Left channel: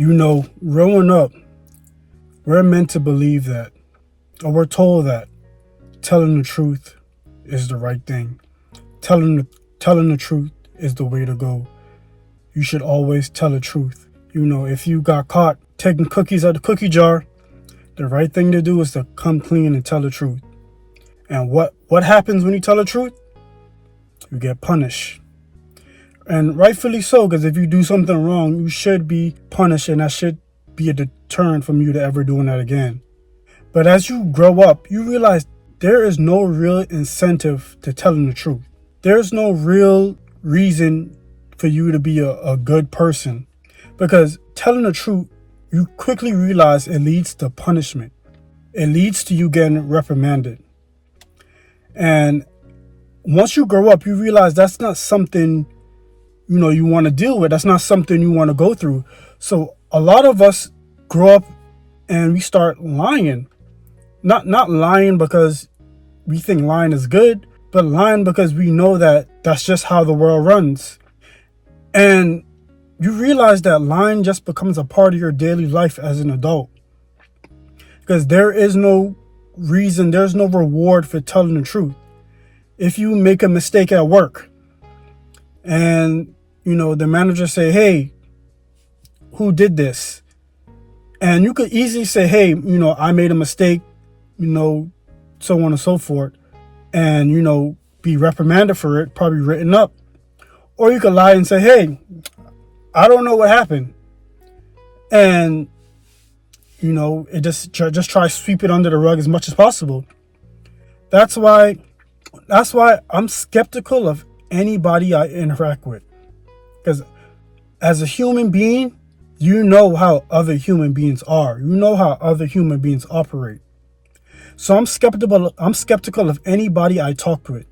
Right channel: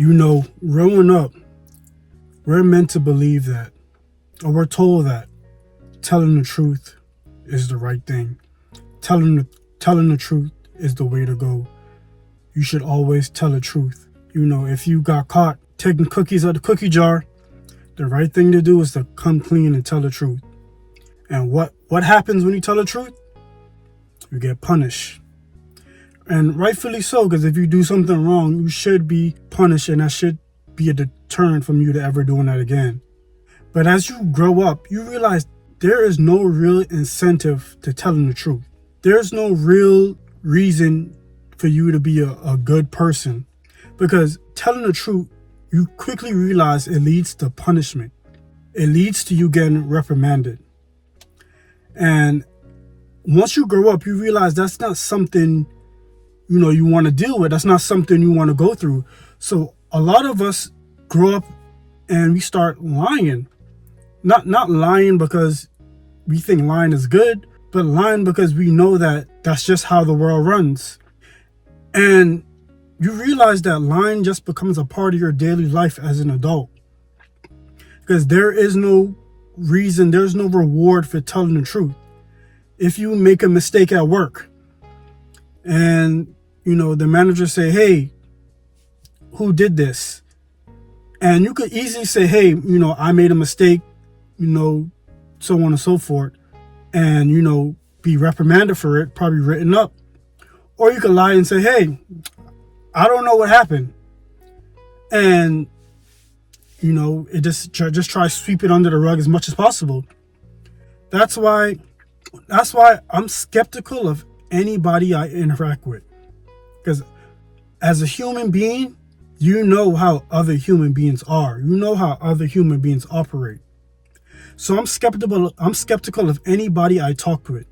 Growing up, we're meant to believe that, or we're told that telling the truth is the right thing. Telling the truth is the way to go. You should always tell the truth. If you got caught taking cookies out the cookie jar, the right thing to do is to come clean and tell the truth. And what happens when you tell the truth? You get punished. And rightfully so, because if you do something wrong, you should be punished, and that should be a deterrent from you to ever doing that again. But as you grow up, you realize there is no real incentive to telling the truth. There's no real reason for you to be a good person, because telling the truth, you quickly realize it leads to punishment. It leads to you getting reprimanded. And once you grow up, you realize that's not something you want to deal with. That's not something you want to go through. So a lot of us grow up and we start lying. Not lying because we think lying is good, but lying because we know that that's just how the world runs. And you realize that lying just becomes a part of your daily life as an adult. Because there is no reason, there's no reward for telling the truth. If you make a mistake at work and, the manager say, "Hey, who did this?" And you could easily say, "Hey, I made a mistake, so on and so forth," and, be reprimanded for it, probably written up. Or you could lie and say, "Hey, I don't know what happened." And, it just try to sweep it under the rug as much as possible. That's why I'm skeptical of anybody I interact with. Because as a human being, you know how other human beings are. You know how other human beings operate. So I'm skeptical of anybody I talk with.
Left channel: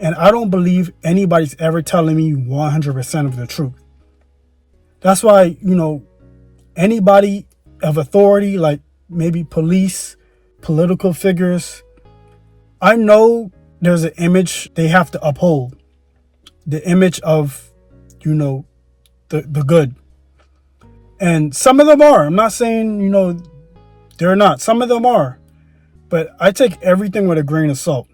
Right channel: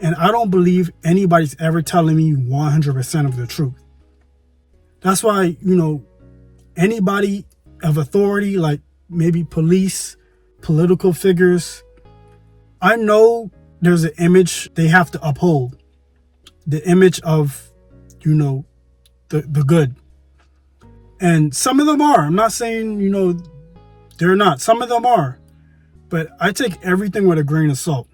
And I don't believe anybody's ever telling me 100% of the truth. That's why, anybody of authority, like maybe police, political figures, I know there's an image they have to uphold. The image of, the good. And some of them are. I'm not saying, they're not. Some of them are. But I take everything with a grain of salt.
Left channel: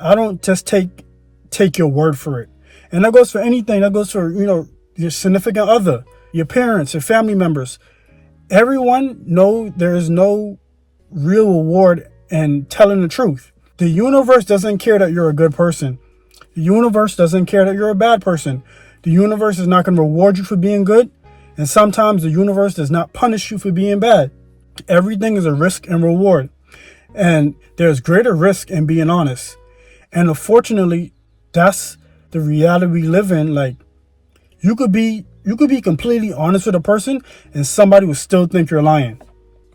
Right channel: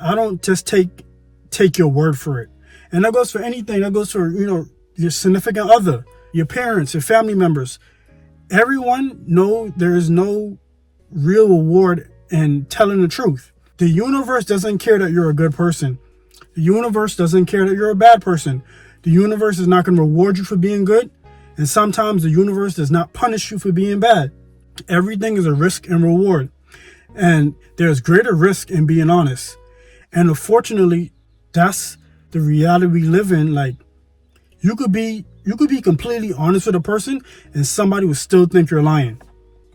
I don't just take your word for it. And that goes for anything. That goes for, your significant other, your parents, your family members. Everyone know there is no real reward in telling the truth. The universe doesn't care that you're a good person. The universe doesn't care that you're a bad person. The universe is not going to reward you for being good. And sometimes the universe does not punish you for being bad. Everything is a risk and reward. And there's greater risk in being honest. And unfortunately, that's the reality we live in. Like, you could be completely honest with a person and somebody will still think you're lying.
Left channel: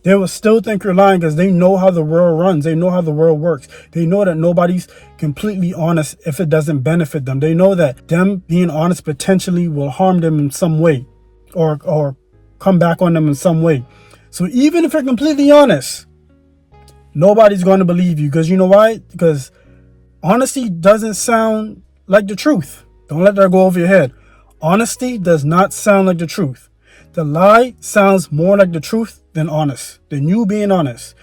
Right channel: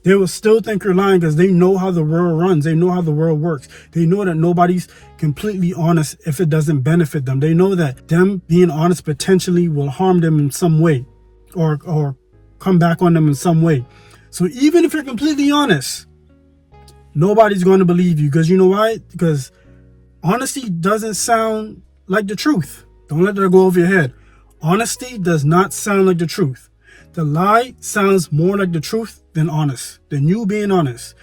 They will still think you're lying because they know how the world runs. They know how the world works. They know that nobody's completely honest if it doesn't benefit them. They know that them being honest potentially will harm them in some way or come back on them in some way. So even if you're completely honest, nobody's going to believe you. Because you know why? Because honesty doesn't sound like the truth. Don't let that go over your head. Honesty does not sound like the truth. The lie sounds more like the truth than you being honest.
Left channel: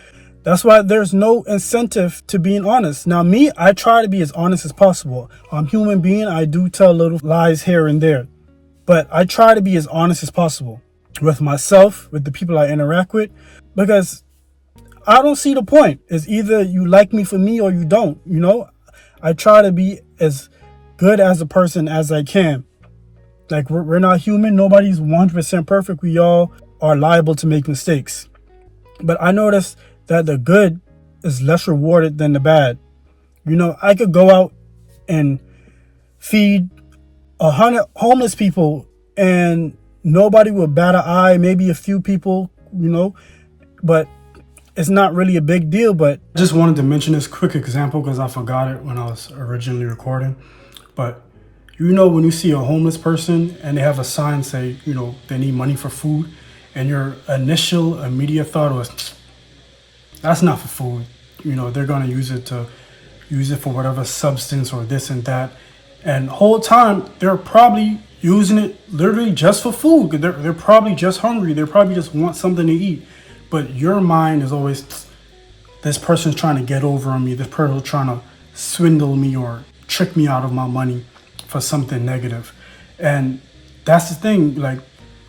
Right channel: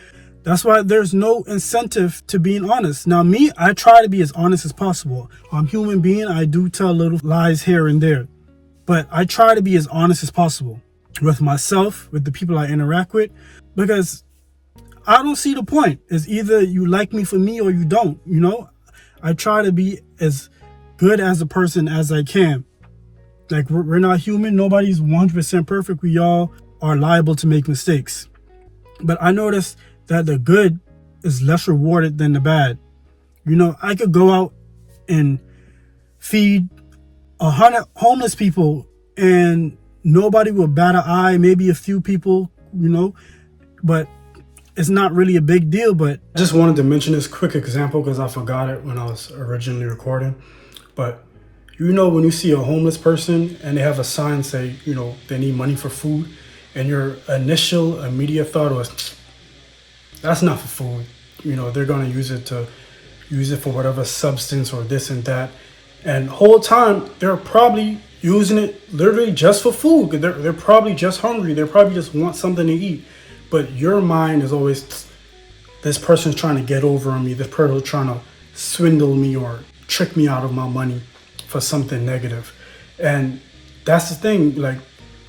That's why there's no incentive to being honest. Now me, I try to be as honest as possible. I'm a human being. I do tell little lies here and there. But I try to be as honest as possible with myself, with the people I interact with, because I don't see the point. It's either you like me for me or you don't, I try to be as good as a person as I can. Like, we're not human. Nobody's 100% perfect. We all are liable to make mistakes. But I noticed that the good is less rewarded than the bad. I could go out and feed 100 homeless people and nobody will bat an eye, maybe a few people, but it's not really a big deal. But I just wanted to mention this quick example because I forgot it when I was originally recording. But when you see a homeless person and they have a sign say, they need money for food, and your initial immediate thought was, that's not for food. They're going to use it for whatever substance or this and that. And the whole time they're probably using it literally just for food. They're probably just hungry. They probably just want something to eat. But your mind is always, this person's trying to get over on me. This person's trying to swindle me or trick me out of my money for something negative. And that's the thing. Like,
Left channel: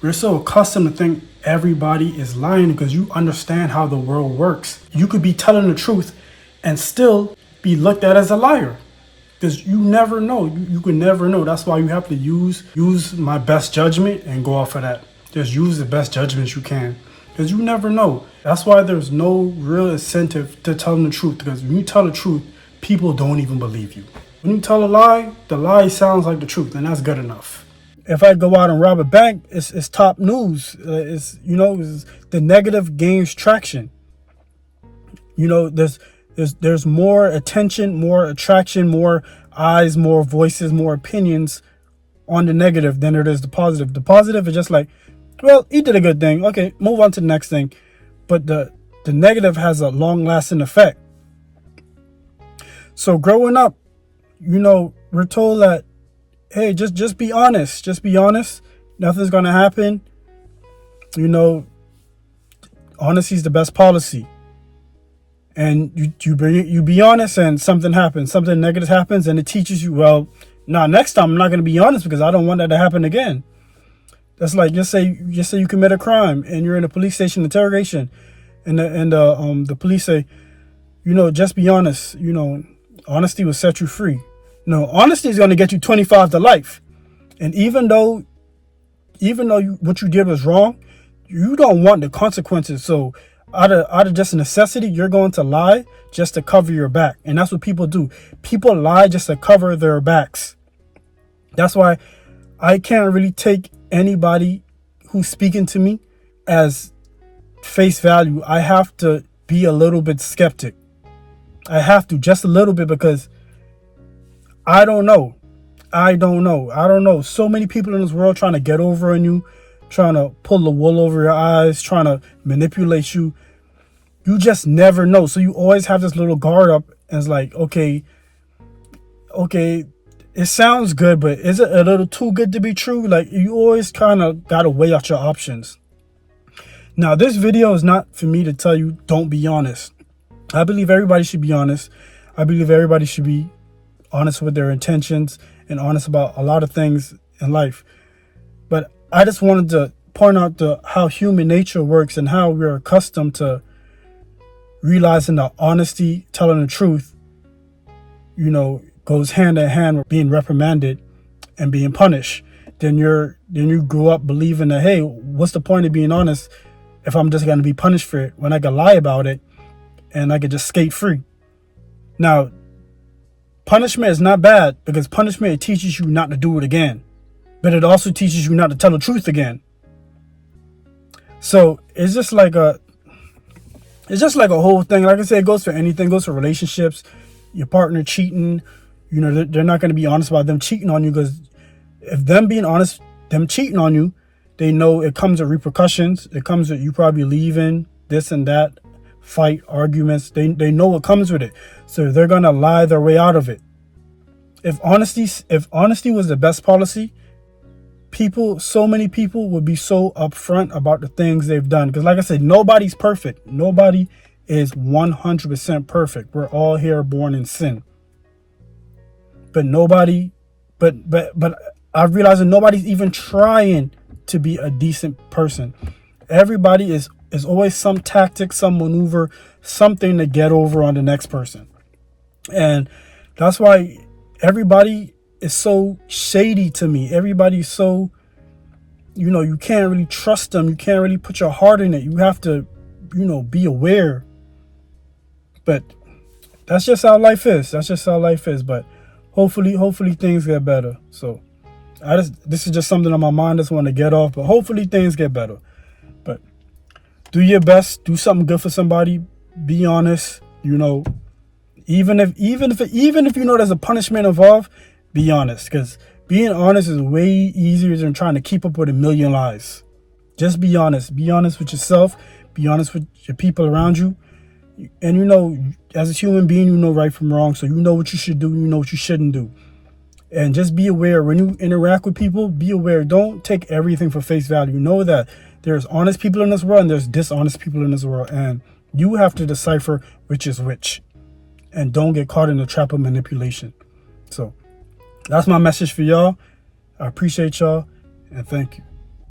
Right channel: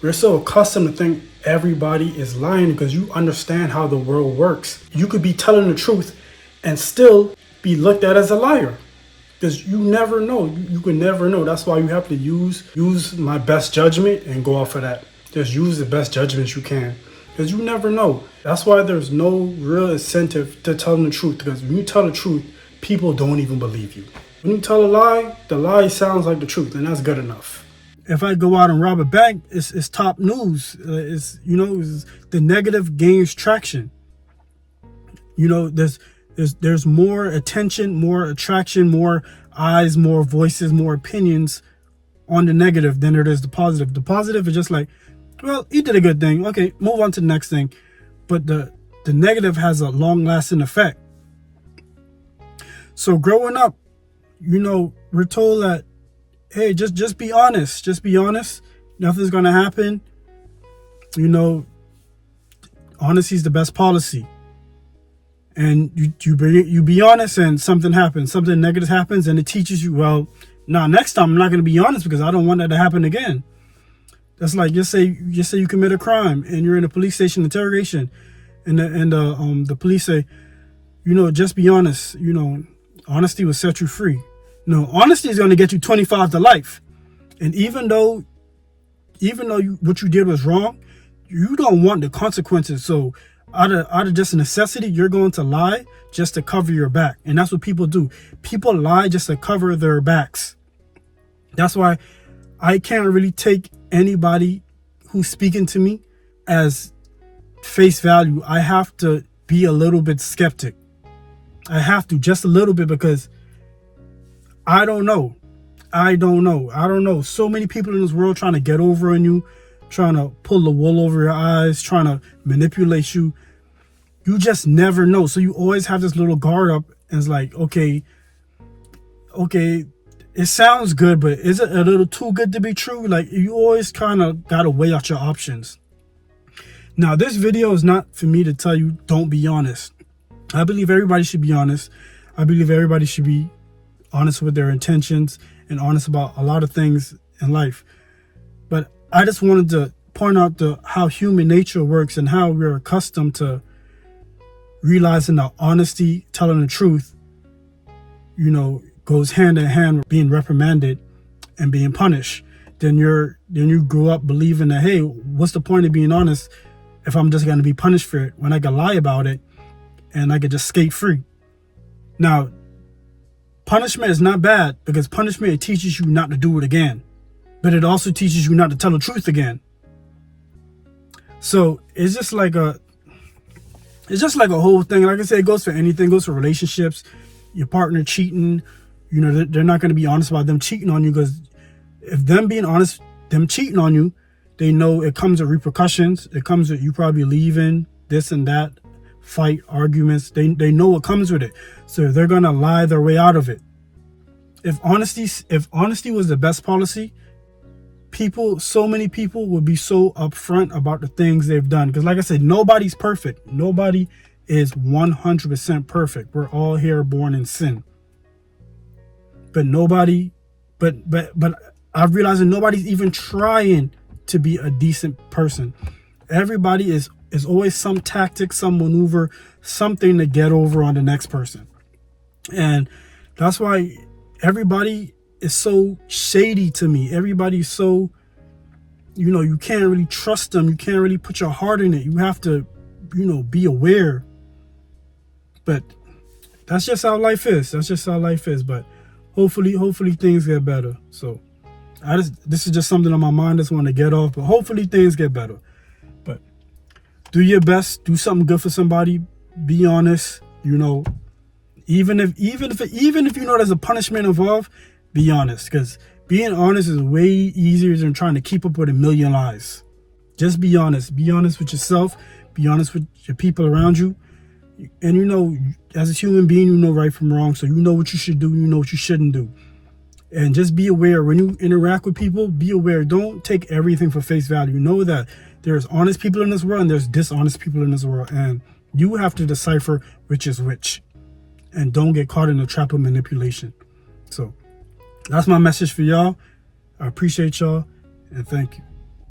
we're so accustomed to think everybody is lying because you understand how the world works. You could be telling the truth and still be looked at as a liar. Because you never know. You can never know. That's why you have to use my best judgment and go off of that. Just use the best judgments you can. Because you never know. That's why there's no real incentive to telling the truth. Because when you tell the truth, people don't even believe you. When you tell a lie, the lie sounds like the truth, and that's good enough. If I go out and rob a bank, it's top news. It's the negative gains traction. There's more attention, more attraction, more eyes, more voices, more opinions on the negative than it is the positive. The positive is just like, well, he did a good thing. Okay, move on to the next thing. But the negative has a long-lasting effect. So growing up, we're told that, hey, just be honest. Just be honest. Nothing's going to happen. Honesty is the best policy. And you be honest and something happens, something negative happens, and it teaches you, well, next time I'm not going to be honest because I don't want that to happen again. That's like, just say you commit a crime and you're in a police station interrogation, and the police say, just be honest. Honesty will set you free. No, honesty is going to get you 25 to life. And even though what you did was wrong, you don't want the consequences. So out of just necessity, you're going to lie just to cover your back. And that's what people do. People lie just to cover their backs. That's why I can't really take anybody who's speaking to me as face value. I have to be a little bit skeptic. I have to, just a little bit, because I don't know. So many people in this world trying to get over on you, trying to pull the wool over your eyes, trying to manipulate you. You just never know. So you always have this little guard up, and it's like, okay, it sounds good, but is it a little too good to be true? Like, you always kind of got to weigh out your options. Now, this video is not for me to tell you don't be honest. I believe everybody should be honest. I believe everybody should be honest with their intentions and honest about a lot of things in life. But I just wanted to point out how human nature works and how we're accustomed to realizing that honesty, telling the truth, goes hand in hand with being reprimanded and being punished. Then you grew up believing that, hey, what's the point of being honest if I'm just going to be punished for it when I can lie about it and I could just skate free? Now, punishment is not bad, because punishment, it teaches you not to do it again, but it also teaches you not to tell the truth again. So it's just like a whole thing. Like I said, it goes for anything. It goes for relationships. Your partner cheating, they're not going to be honest about them cheating on you, because if them being honest, them cheating on you, they know it comes with repercussions. It comes with you probably leaving, this and that, fight, arguments. They know what comes with it. So they're going to lie their way out of it. If honesty was the best policy, so many people would be so upfront about the things they've done. Because like I said, nobody's perfect. Nobody is 100% perfect. We're all here born in sin. But I've realized that nobody's even trying to be a decent person. Everybody is always some tactic, some maneuver, something to get over on the next person. And that's why everybody is so shady to me. Everybody's so, you can't really trust them. You can't really put your heart in it. You have to, be aware. But that's just how life is. But hopefully things get better. So this is just something on my mind. I just want to get off, but hopefully things get better. But do your best. Do something good for somebody. Be honest. Even if there's a punishment involved, be honest, because being honest is way easier than trying to keep up with a million lies. Just be honest. Be honest with yourself. Be honest with your people around you. And as a human being, you know right from wrong. So you know what you should do. You know what you shouldn't do. And just be aware when you interact with people, be aware. Don't take everything for face value. Know that there's honest people in this world and there's dishonest people in this world. And you have to decipher which is which. And don't get caught in the trap of manipulation. So that's my message for y'all. I appreciate y'all and thank you.